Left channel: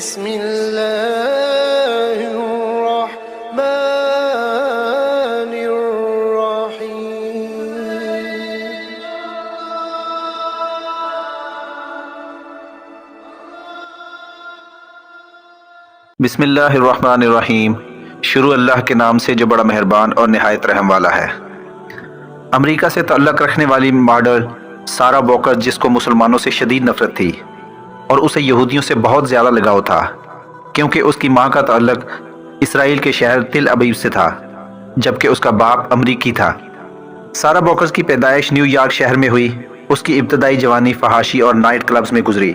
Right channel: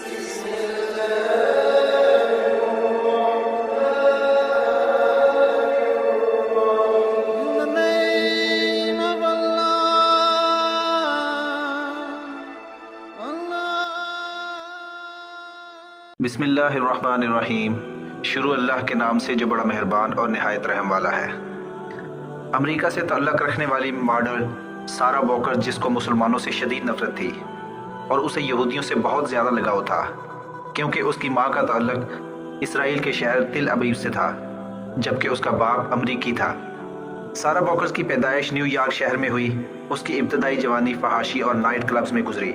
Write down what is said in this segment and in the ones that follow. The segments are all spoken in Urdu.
بسم الله الرحمن الرحيم. بسم اللہ الرحمن الرحیم. شروع اللہ کے نام سے جو بڑا مہربان اور نہایت رحم والا ہے. امریکہ سے تعلق رکھنے والی ماڈل سارا واکر، جس کو مسلمانوں سے شدید نفرت تھی اور اسے یہودیوں سے بہت زیادہ لگاؤ تھا، کیونکہ اس کی ماں کا تعلق اسرائیل کے شہر تل ابیب سے تھا، جبکہ اس کا باپ امریکی تھا. سارا واکر کی پیدائش نیو یارک شہر میں ہوئی. اس کی ابتدائی جوانی فحاشی اور نائٹ کلبز میں گزری.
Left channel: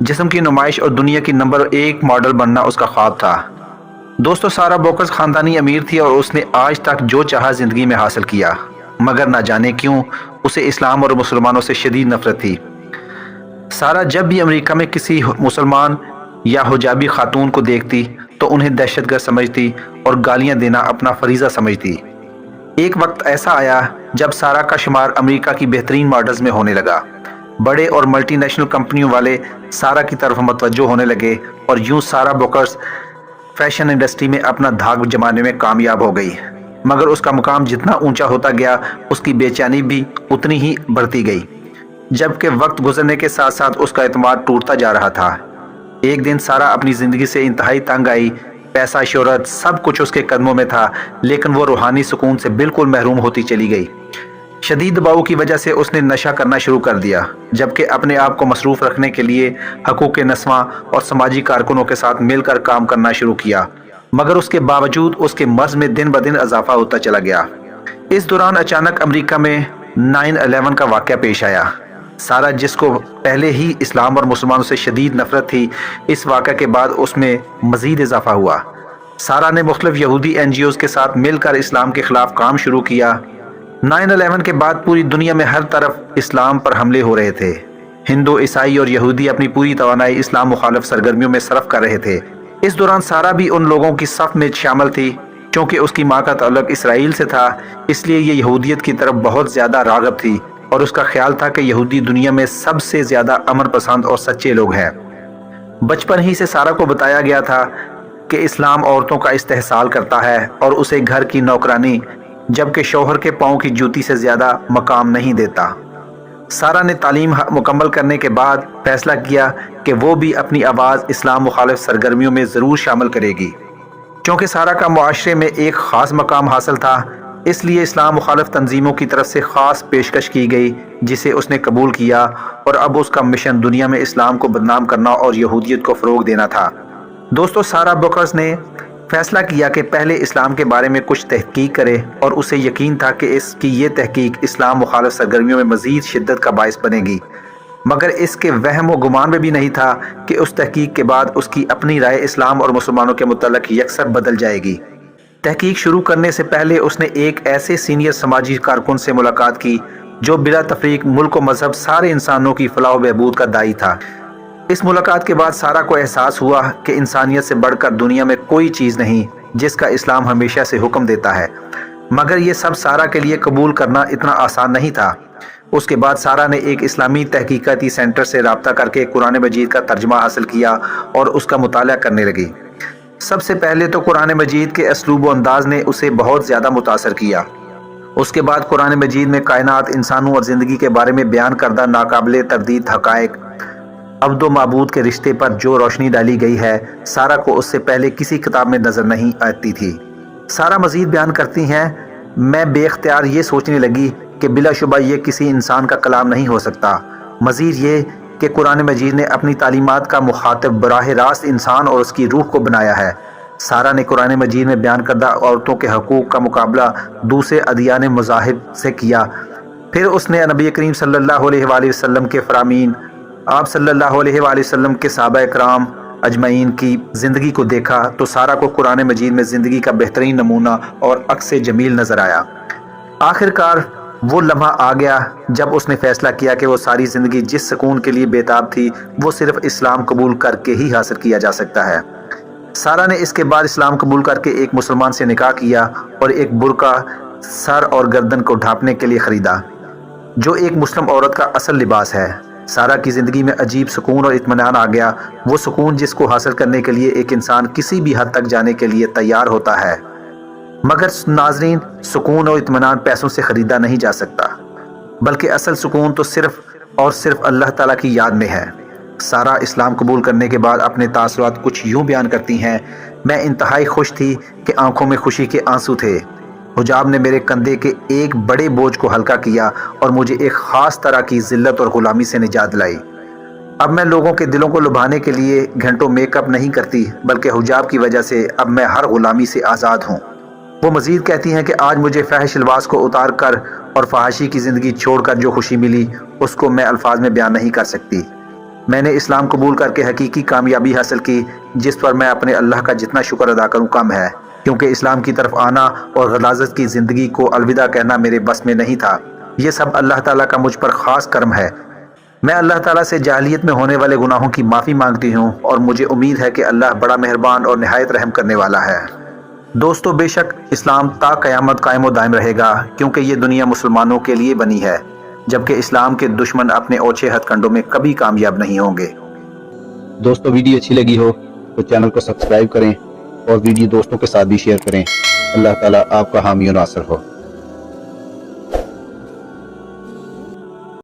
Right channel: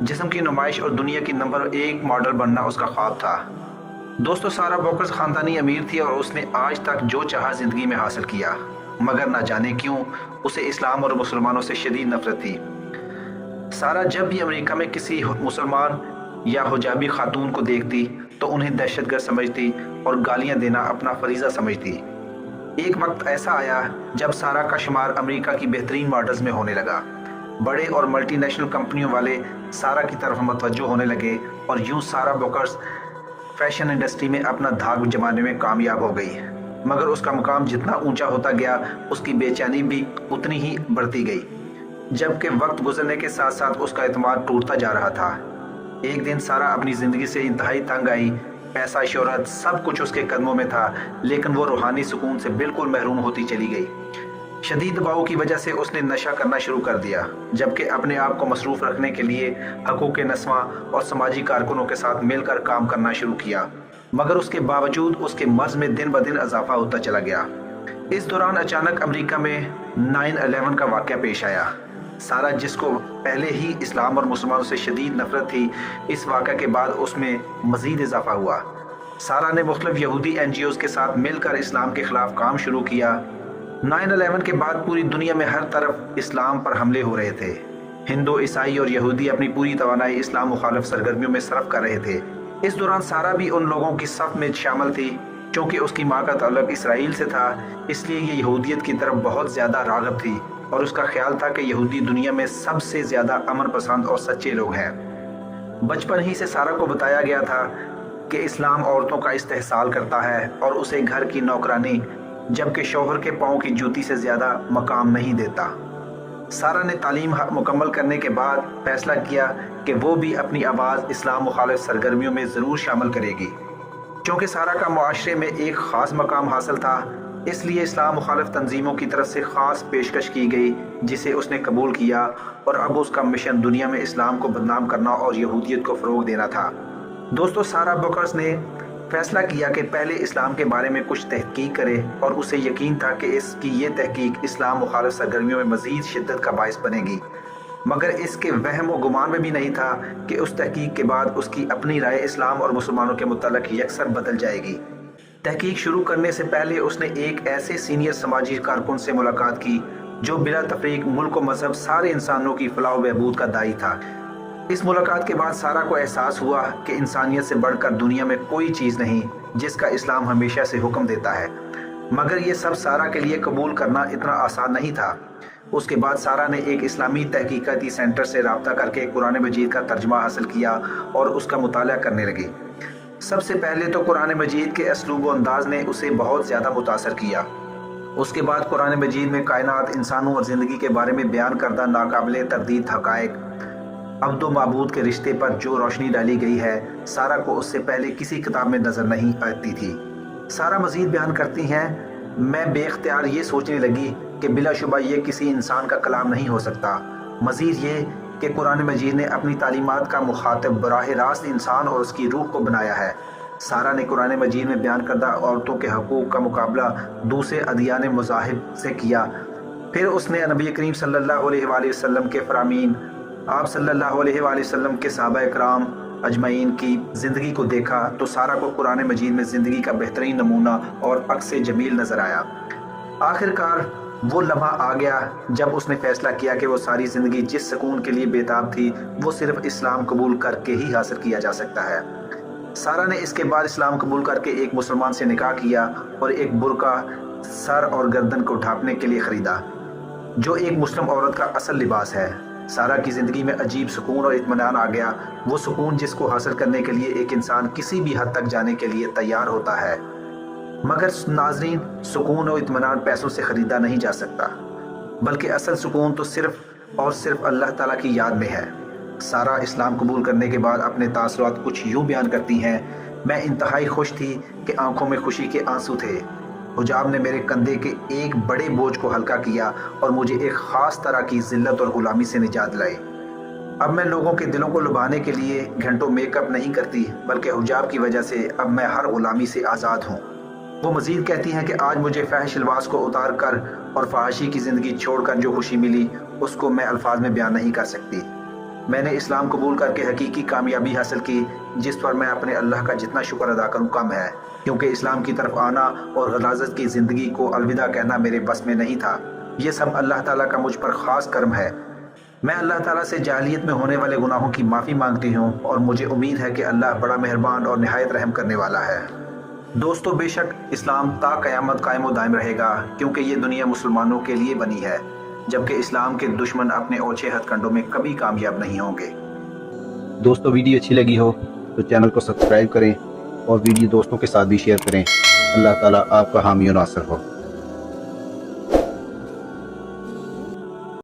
جسم کی نمائش اور دنیا کی نمبر 1 ماڈل بننا اس کا خواب تھا. دوستو، سارا واکر خاندانی امیر تھی اور اس نے آج تک جو چاہا زندگی میں حاصل کیا، مگر نہ جانے کیوں اسے اسلام اور مسلمانوں سے شدید نفرت تھی. سارا جب بھی امریکہ میں کسی مسلمان یا حجابی خاتون کو دیکھتی تو انہیں دہشت گرد سمجھتی اور گالیاں دینا اپنا فریضہ سمجھتی. ایک وقت ایسا آیا جب سارا کا شمار امریکہ کی بہترین ماڈلز میں ہونے لگا. بڑے اور ملٹی نیشنل کمپنیوں والے سارا کی طرف متوجہ ہونے لگے اور یوں سارا واکر فیشن انڈسٹری میں اپنا دھاک جمانے میں کامیاب ہو گئی. مگر اس کا مقام جتنا اونچا ہوتا گیا، اس کی بے چینی بھی اتنی ہی بڑھتی گئی. جبکہ وقت گزرنے کے ساتھ ساتھ اس کا اعتماد ٹوٹتا جا رہا تھا. ایک دن سارا اپنی زندگی سے انتہائی تنگ آئی. پیسہ، شہرت، سب کچھ اس کے قدموں میں تھا، لیکن وہ روحانی سکون سے بالکل محروم ہوتی چلی گئی. شدید دباؤ کی وجہ سے اس نے نشہ کرنا شروع کر دیا، جبکہ اپنے آپ کو مصروف رکھنے کے لیے حقوق نسواں اور سماجی کارکنوں کے ساتھ مل کر کام کرنا شروع کیا. مگر اس کے باوجود اس کے مرض میں دن بدن اضافہ ہوتا چلا گیا. اس دوران اچانک امریکہ میں 9/11 کا واقعہ پیش آیا. سارا، جس کو پہلے ہی اسلام اور مسلمانوں سے شدید نفرت تھی، اس واقعہ کے بعد اس میں مزید اضافہ ہوا. سارا نے مختلف یہودی NGOs کے ساتھ مل کر اسلام کے خلاف کام شروع کیا. 9/11 کے بعد پوری دنیا میں ہر طرف اسلام پر حملے ہو رہے تھے. ہندو، عیسائی اور یہودی اپنی پوری توانائی اسلام مخالف سرگرمیوں میں صرف کر رہے تھے. اس دوران سارا بھی ان لوگوں کی صف میں شامل تھی. چونکہ اس کی ماں کا تعلق اسرائیل سے تھا، اس لیے یہ یہودیت کی طرف بہت زیادہ راغب تھی اور اس کا خیال تھا کہ یہودی دنیا میں سب سے زیادہ امن پسند اور سچے لوگ ہیں. بچپن ہی سے سارا کو بتایا گیا تھا کہ اسلام عورتوں کا استحصال کرتا ہے اور اسے گھر کی نوکرانی، جبکہ شوہر کے پاؤں کی جوتی سے زیادہ مقام نہیں دیتا. سارا نے تعلیم مکمل کرنے کے بعد فیصلہ کیا کہ وہ بھی اپنی آواز اسلام مخالف سرگرمیوں میں ضرور شامل کرے گی. چونکہ سارا کا معاشرے میں ایک خاص مقام حاصل تھا، اس لیے اسلام مخالف تنظیموں کی طرف سے خاص پیشکش کی گئی، جسے اس نے قبول کیا. اور اب اس کا مشن دنیا میں اسلام کو بدنام کرنا اور یہودیت کو فروغ دینا تھا. دوستو، سارا واکر نے فیصلہ کیا کہ پہلے اسلام کے بارے میں کچھ تحقیق کرے، اور اسے یقین تھا کہ اس کی یہ تحقیق اسلام مخالف سرگرمیوں میں مزید شدت کا باعث بنے گی. مگر اس کے وہم و گمان میں بھی نہیں تھا کہ اس تحقیق کے بعد اس کی اپنی رائے اسلام اور مسلمانوں کے متعلق یکسر بدل جائے گی. تحقیق شروع کرنے سے پہلے اس نے ایک ایسے سینئر سماجی کارکن سے ملاقات کی جو بلا تفریق ملک و مذہب سارے انسانوں کی فلاح و بہبود کا داعی تھا. اس ملاقات کے بعد سارا کو احساس ہوا کہ انسانیت سے بڑھ کر دنیا میں کوئی چیز نہیں جس کا اسلام ہمیشہ سے حکم دیتا ہے. مگر یہ سب سارا کے لیے قبول کرنا اتنا آسان نہیں تھا. اس کے بعد سارا نے ایک اسلامی تحقیقاتی سینٹر سے رابطہ کر کے قرآن مجید کا ترجمہ حاصل کیا اور اس کا مطالعہ کرنے لگی. سب سے پہلے تو قرآن مجید کے اسلوب و انداز نے اسے بہت زیادہ متاثر کیا. اس کے بعد قرآن مجید میں کائنات، انسانوں اور زندگی کے بارے میں بیان کردہ ناقابل تردید حقائق، عبد و معبود کے رشتے پر جو روشنی ڈالی گئی ہے، سارا کو اس سے پہلے کسی کتاب میں نظر نہیں آتی تھی. سارا مزید بیان کرتی ہیں، میں بے اختیار یہ سوچنے لگی کہ بلا شبہ یہ کسی انسان کا کلام نہیں ہو سکتا. مزید یہ کہ قرآن مجید نے اپنی تعلیمات کا مخاطب براہ راست انسان اور اس کی روح کو بنایا ہے. سارا نے قرآن مجید میں بیان کردہ عورتوں کے حقوق کا مقابلہ دوسرے ادیان مذاہب سے کیا. پھر اس نے نبی کریم صلی اللہ علیہ وآلہ وسلم کے فرامین، آپ صلی اللہ علیہ وآلہ وسلم کے صحابہ کرام اجمعین کی زندگی کو دیکھا تو سارا کو قرآن مجید میں زندگی کا بہترین نمونہ اور عکس جمیل نظر آیا. آخر کار وہ لمحہ آ گیا جب اس نے فیصلہ کیا کہ وہ ساری زندگی جس سکون کے لیے بےتاب تھی وہ صرف اسلام قبول کر کے ہی حاصل کیا جا سکتا ہے. سارا نے اس کے بعد اسلام قبول کر کے ایک مسلمان سے نکاح کیا اور ایک برقع سر اور گردن کو ڈھانپنے کے لیے خریدا، جو ایک مسلم عورت کا اصل لباس ہے. سارہ کی زندگی میں عجیب سکون اور اطمینان آ گیا، وہ سکون جس کو حاصل کرنے کے لیے ایک انسان کسی بھی حد تک جانے کے لیے تیار ہوتا ہے۔ مگر ناظرین، سکون اور اطمینان پیسوں سے خریدا نہیں جا سکتا، بلکہ اصل سکون تو صرف اور صرف اللہ تعالیٰ کی یاد میں ہے۔ سارہ اسلام قبول کرنے کے بعد اپنے تاثرات کچھ یوں بیان کرتی ہیں: میں انتہائی خوش تھی کہ آنکھوں میں خوشی کے آنسو تھے۔ حجاب نے میرے کندھے کے ایک بڑے بوجھ کو ہلکا کیا اور مجھے ایک خاص طرح کی ذلت اور غلامی سے نجات دلائی۔ اب میں لوگوں کے دلوں کو لبھانے کے لیے گھنٹوں میک اپ نہیں کرتی، بلکہ حجاب کی وجہ سے اب میں ہر غلامی سے آزاد ہوں۔ وہ مزید کہتی ہیں کہ آج مجھے فحش لباس کو اتار کر اور فحاشی کی زندگی چھوڑ کر جو خوشی ملی، اس کو میں الفاظ میں بیان نہیں کر سکتی۔ میں نے اسلام قبول کر کے حقیقی کامیابی حاصل کی، جس پر میں اپنے اللہ کا جتنا شکر ادا کروں کم ہے، کیونکہ اسلام کی طرف آنا اور غلاظت کی زندگی کو الوداع کہنا میرے بس میں نہیں تھا۔ یہ سب اللہ تعالیٰ کا مجھ پر خاص کرم ہے۔ میں اللہ تعالیٰ سے جاہلیت میں ہونے والے گناہوں کی معافی مانگتی ہوں، اور مجھے امید ہے کہ اللہ بڑا مہربان اور نہایت رحم کرنے والا ہے۔ دوستو، بے شک اسلام تا قیامت قائم و دائم رہے گا، کیونکہ یہ دنیا مسلمانوں کے لیے بنی ہے، جبکہ اسلام کے دشمن اپنے اوچھے ہتھ کنڈوں میں کبھی کامیاب نہیں ہوں گے۔ دوستو، ویڈیو اچھی لگی ہو تو چینل کو سبسکرائب کریں اور ویڈیو دوستوں کے ساتھ بھی شیئر کریں۔ اللہ تعالیٰ آپ کا حامی و ناصر ہو۔